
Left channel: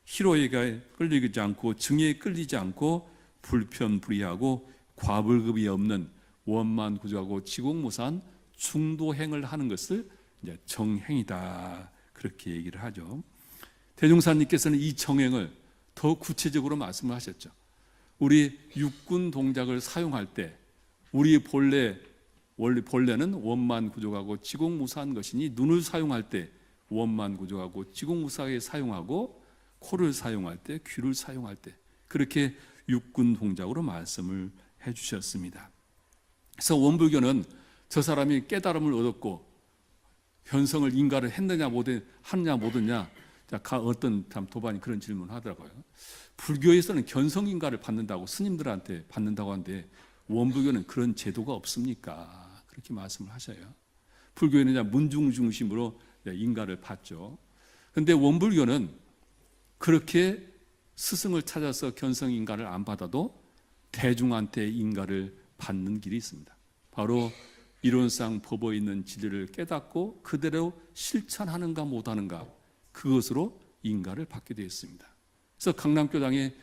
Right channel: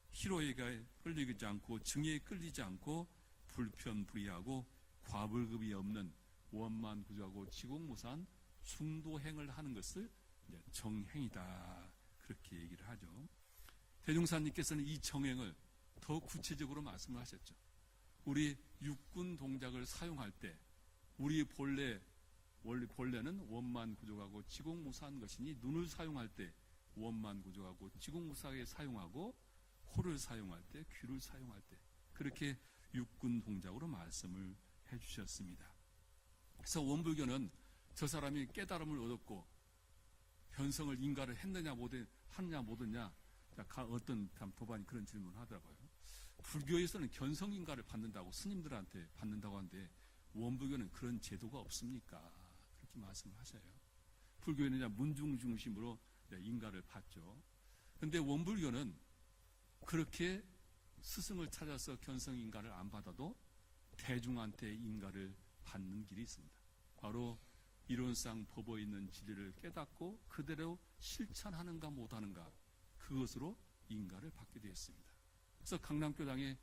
희로애가 끌리지 않고 증에 끌리지 않고 불편불의하고 과불급이 없는 원만구조하고 지공무사한 중도행을 하는 것을 이제 정행이다, 그렇게 얘기를 하죠. 대종사님께서는 이 정행을 더 구체적으로 말씀을 하셨죠. 우리 육군 동작을 사용할 때 우리 본래는 원만구조하고 지공무사한 것이니 눈을 사용할 때 원만구조하고 지공무사하게 사용하고 코를 사용할 때 귀를 사용할 때 그렇게 육군 동작으로 말씀을 해주셨습니다. 그래서 원불교는 저 사람이 깨달음을 얻었고 견성을 인가를 했느냐 하느냐 못했냐, 어떤 도반이 그런 질문을 하더라고요. 불교에서는 견성 인가를 받는다고 스님들한테 받는다고 하는데 원불교는 그런 제도가 없습니까? 그렇게 말씀을 하셔요. 불교에는 그냥 문중 중심으로 인가를 받죠. 그런데 원불교는 그렇게 스승을 찾아서 견성 인가를 안 받아도 대중한테 인가를 받는 길이 있습니다. 바로 이론상 법에 있는 진리를 깨닫고 그대로 실천하는가 못하는가, 그것으로 인가를 받게 되어 있습니다. 그래서 강남교당에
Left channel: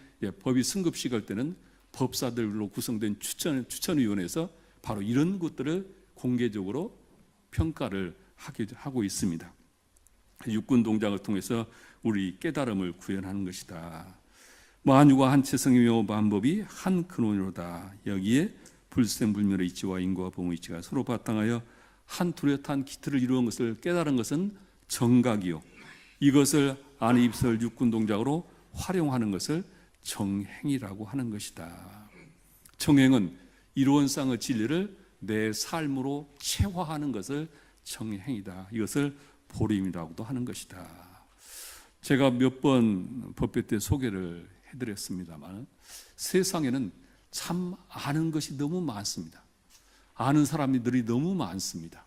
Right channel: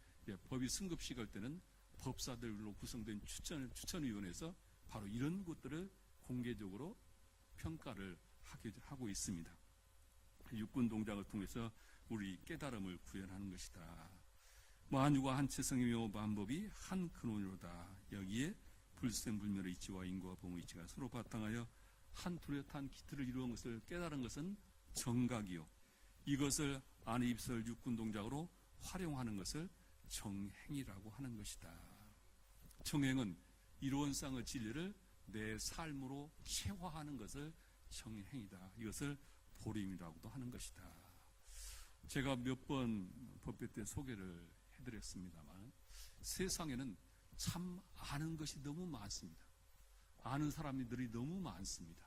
법이 승급식 할 때는 법사들로 구성된 추천위원회에서 바로 이런 것들을 공개적으로 평가를 하고 있습니다. 육군 동작을 통해서 우리 깨달음을 구현하는 것이다. 만유가 한체성이며 만법이 한 근원이로다. 여기에 불생불멸의 이치와 인과 보응의 이치가 서로 바탕하여 한 뚜렷한 기틀을 이루는 것을 깨달은 것은 정각이요, 이것을 안이입설 육군 동작으로 활용하는 것을 정행이라고 하는 것이다. 정행은 이론상의 진리를 내 삶으로 체화하는 것을 정행이다. 이것을 보림이라고도 하는 것이다. 제가 몇 번 법회 때 소개를 해드렸습니다만 세상에는 참 아는 것이 너무 많습니다. 아는 사람들이 너무 많습니다.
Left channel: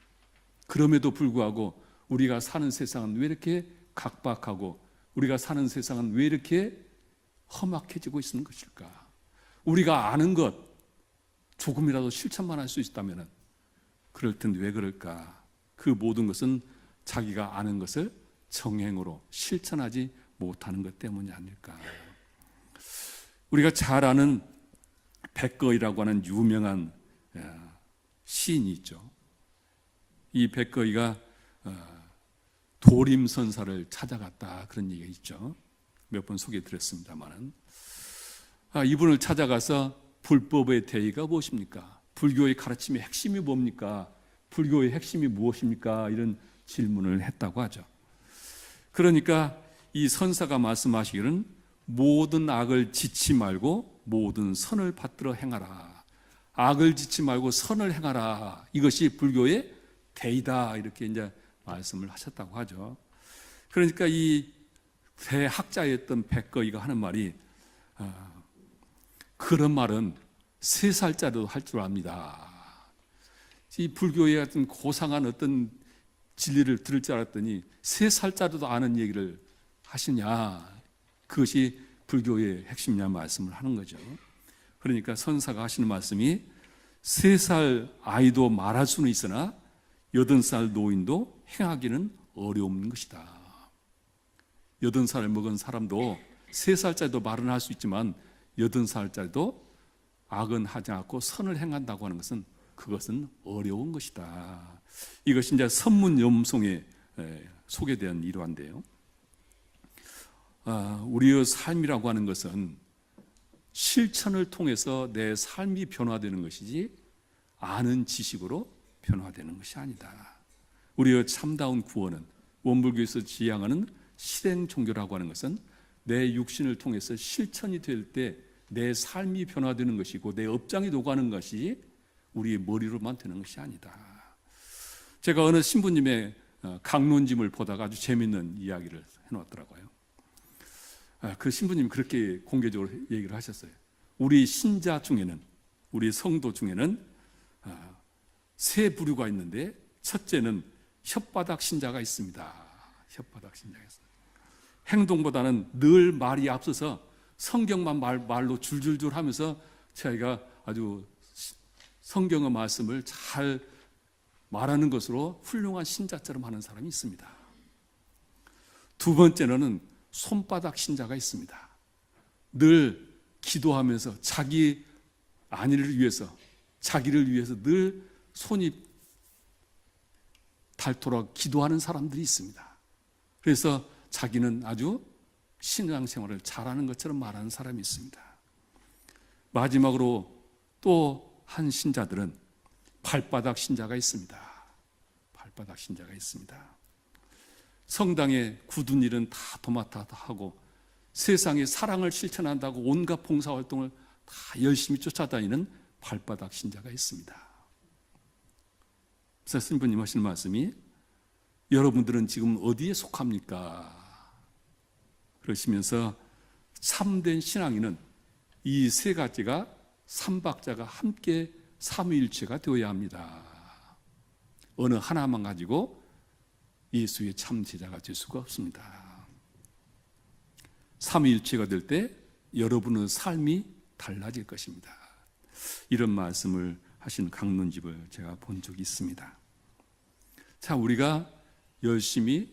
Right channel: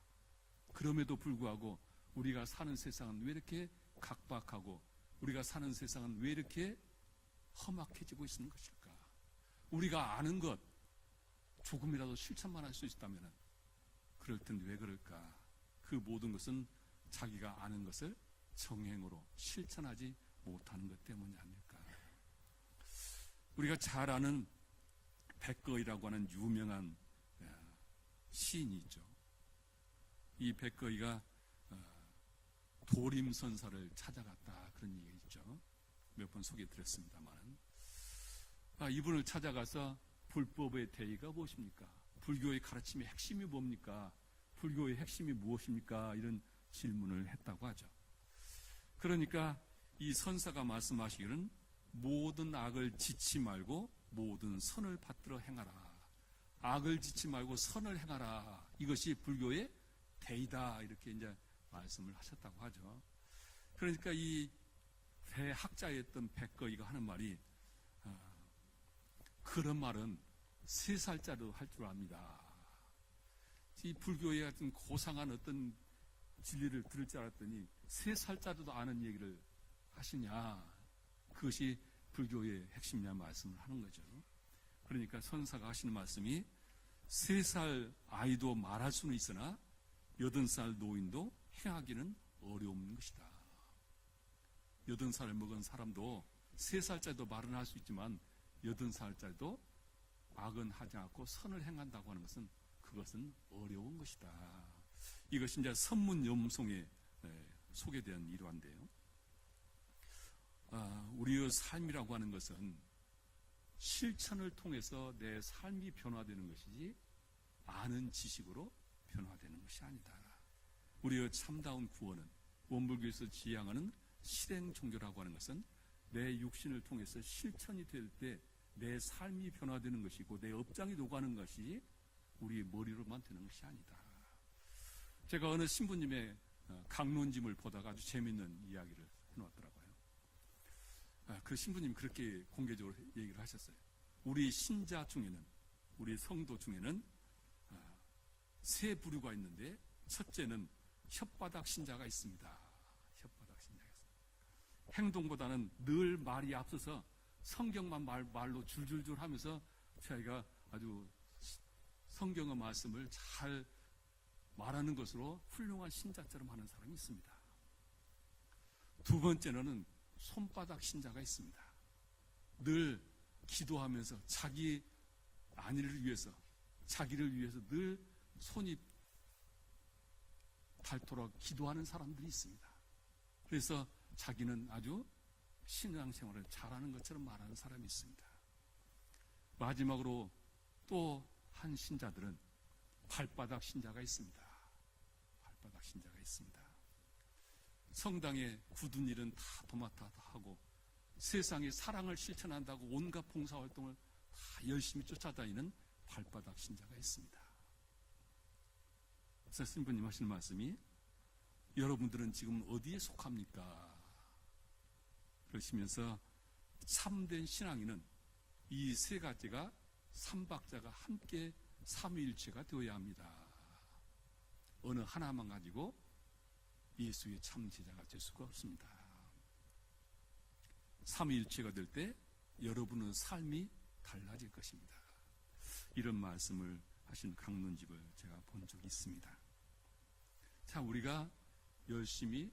그럼에도 불구하고 우리가 사는 세상은 왜 이렇게 각박하고 우리가 사는 세상은 왜 이렇게 험악해지고 있는 것일까? 우리가 아는 것 조금이라도 실천만 할 수 있다면 그럴 텐데 왜 그럴까? 그 모든 것은 자기가 아는 것을 정행으로 실천하지 못하는 것 때문이 아닐까? 우리가 잘 아는 백거이라고 하는 유명한 시인이 있죠. 이 백거이가 도림선사를 찾아갔다 그런 얘기가 있죠. 몇 번 소개드렸습니다만은 이분을 찾아가서 불법의 대의가 무엇입니까? 불교의 가르침의 핵심이 뭡니까? 불교의 핵심이 무엇입니까? 이런 질문을 했다고 하죠. 그러니까 이 선사가 말씀하시기는 모든 악을 짓지 말고 모든 선을 받들어 행하라. 악을 짓지 말고 선을 행하라. 이것이 불교의 대의다. 이렇게 이제 말씀을 하셨다고 하죠. 그러니까 이 대학자였던 백거이가 하는 말이 그런 말은 3살짜리도 할 줄 압니다. 이 불교의 어떤 고상한 어떤 진리를 들을 줄 알았더니 3살짜리도 아는 얘기를 하시냐. 그것이 불교의 핵심이냐 말씀을 하는 거죠. 그러니까 선사가 하시는 말씀이 3살 아이도 말할 수는 있으나 80살 노인도 행하기는 어려운 것이다. 80살을 먹은 사람도 3살짜리도 말은 할 수 있지만 80살짜리도 악은 하지 않고 선을 행한다고 하는 것은 그것은 어려운 것이다. 이것이 이제 선문염송에 소개된 일화인데요. 우리의 삶이라고 하는 것은 실천을 통해서 내 삶이 변화되는 것이지 아는 지식으로 변화되는 것이 아니다. 우리의 참다운 구원은 원불교에서 지향하는 실행 종교라고 하는 것은 내 육신을 통해서 실천이 될 때 내 삶이 변화되는 것이고 내 업장이 녹아는 것이 우리의 머리로만 되는 것이 아니다. 제가 어느 신부님의 강론짐을 보다가 아주 재미있는 이야기를 해놓았더라고요. 그 신부님이 그렇게 공개적으로 얘기를 하셨어요. 우리 신자 중에는, 우리 성도 중에는 3 부류가 있는데 첫째는 혓바닥 신자가 있습니다. 혓바닥 신자가 있어요. 행동보다는 늘 말이 앞서서 성경만 말로 줄줄줄 하면서 자기가 아주 성경의 말씀을 잘 말하는 것으로 훌륭한 신자처럼 하는 사람이 있습니다. 2번째로는 손바닥 신자가 있습니다. 늘 기도하면서 자기 안위를 위해서, 자기를 위해서 늘 손이 닳도록 기도하는 사람들이 있습니다. 그래서 자기는 아주 신앙생활을 잘하는 것처럼 말하는 사람이 있습니다. 마지막으로 또 한 신자들은 발바닥 신자가 있습니다. 발바닥 신자가 있습니다. 성당에 굳은 일은 다 도맡아 하고 세상에 사랑을 실천한다고 온갖 봉사활동을 다 열심히 쫓아다니는 발바닥 신자가 있습니다. 그래서 신부님 하시는 말씀이 여러분들은 지금 어디에 속합니까? 그러시면서 참된 신앙인은 이 3가지가 삼박자가 함께 삼위일체가 되어야 합니다. 어느 하나만 가지고 예수의 참 제자가 될 수가 없습니다. 삼위일체가 될 때 여러분의 삶이 달라질 것입니다. 이런 말씀을 하신 강론집을 제가 본 적이 있습니다. 자, 우리가 열심히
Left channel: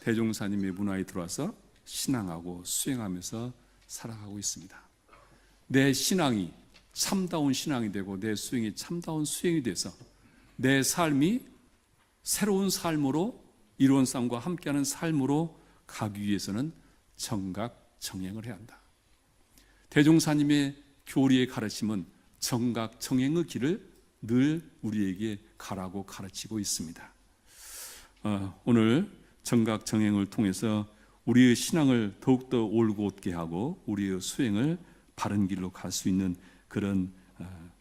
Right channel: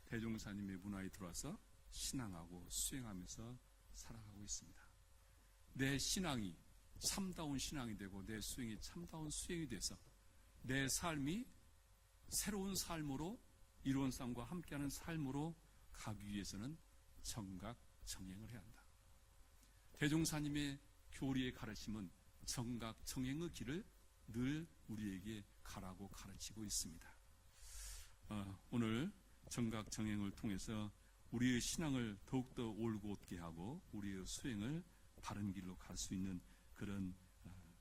대종사님의 문화에 들어와서 신앙하고 수행하면서 살아가고 있습니다. 내 신앙이 참다운 신앙이 되고 내 수행이 참다운 수행이 돼서 내 삶이 새로운 삶으로 이로운 삶과 함께하는 삶으로 가기 위해서는 정각 정행을 해야 한다. 대종사님의 교리의 가르침은 정각 정행의 길을 늘 우리에게 가라고 가르치고 있습니다. 오늘 정각 정행을 통해서 우리의 신앙을 더욱더 올곧게 하고 우리의 수행을 바른 길로 갈 수 있는 그런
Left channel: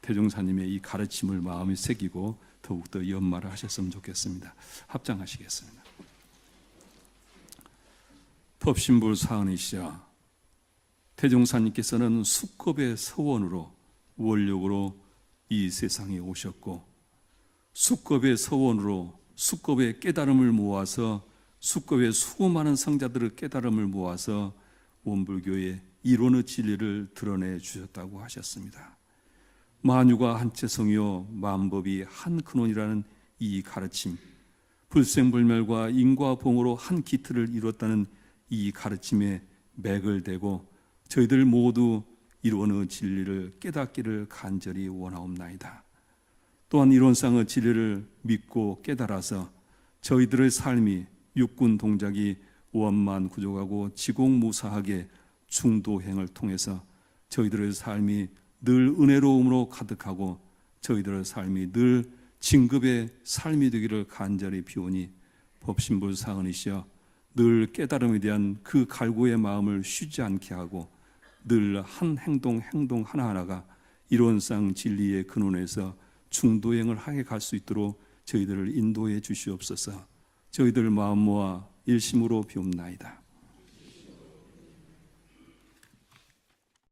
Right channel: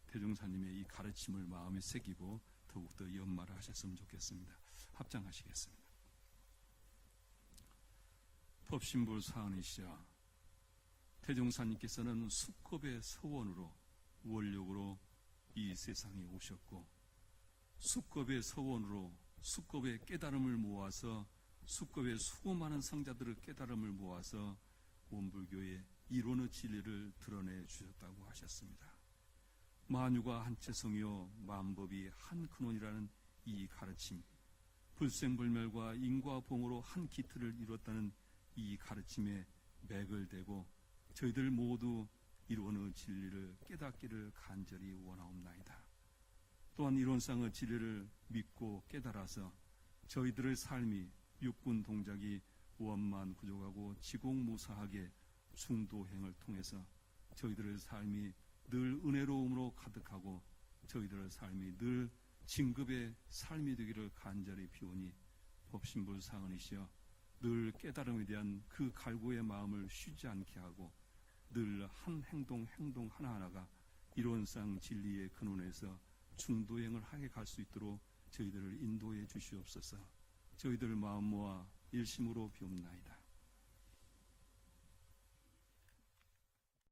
대종사님의 이 가르침을 마음에 새기고 더욱더 연말을 하셨으면 좋겠습니다. 합장하시겠습니다. 법신불 사은이시여, 대종사님께서는 수급의 서원으로 원력으로 이 세상에 오셨고 수급의 서원으로 수급의 깨달음을 모아서 수급의 수많은 성자들의 깨달음을 모아서 원불교의 이론의 진리를 드러내 주셨다고 하셨습니다. 만유가 한체성이요 만법이 한 근원이라는 이 가르침, 불생불멸과 인과봉으로 한 기틀을 이뤘다는 이 가르침에 맥을 대고 저희들 모두 이론의 진리를 깨닫기를 간절히 원하옵나이다. 또한 이론상의 진리를 믿고 깨달아서 저희들의 삶이 육군 동작이 원만 구족하고 지공무사하게 중도행을 통해서 저희들의 삶이 늘 은혜로움으로 가득하고 저희들의 삶이 늘 진급의 삶이 되기를 간절히 비오니 법신부 사은이시여 늘 깨달음에 대한 그 갈구의 마음을 쉬지 않게 하고 늘 한 행동 하나하나가 이론상 진리의 근원에서 중도행을 하게 갈 수 있도록 저희들을 인도해 주시옵소서. 저희들 마음 모아 일심으로 비옵나이다.